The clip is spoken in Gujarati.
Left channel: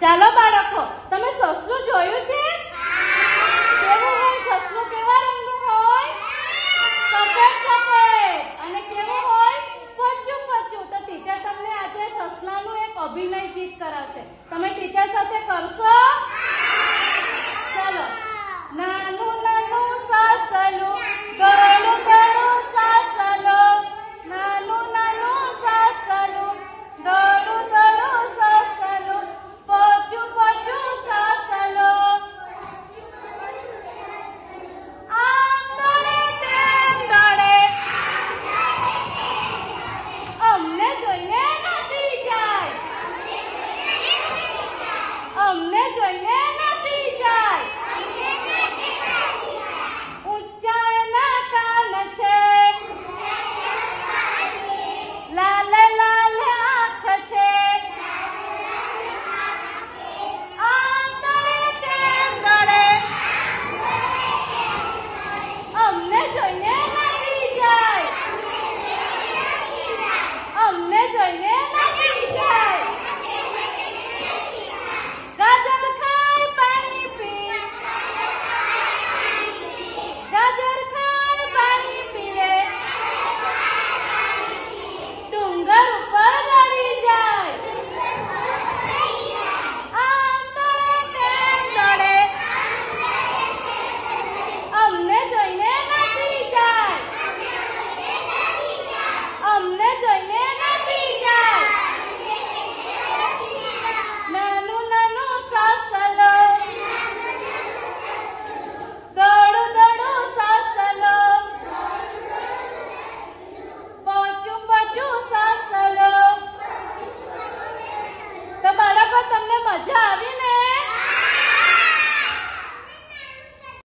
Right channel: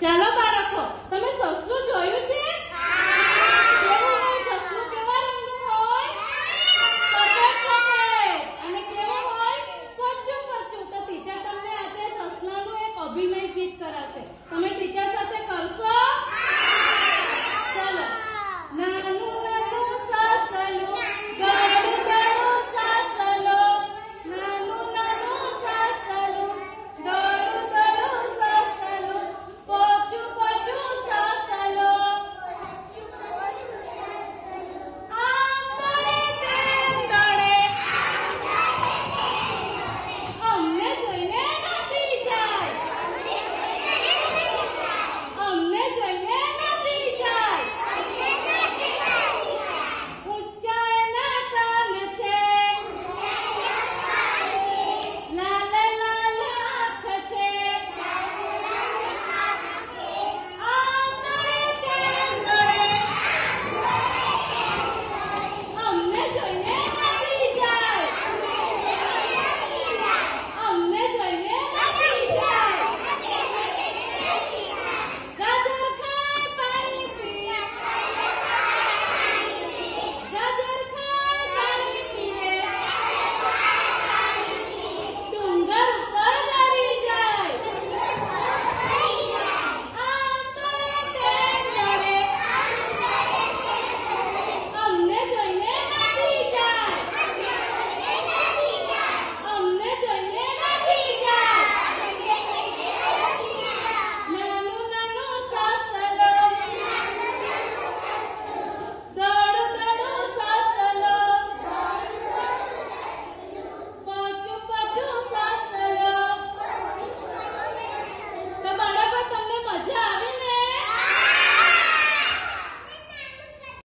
ચાલો બાળકો, તમે સસલું જોયું છે? કેવું હોય સસલું? કેવા રંગનું હોય? સફેદ સફેદ. અને કેવું હોય? પચ્ચું પચ્ચું. તો ટીચર તમને આજે સસલાનું એક અભિનય ગીત કરાવશે. તમે ટીચર સાથે કરશો?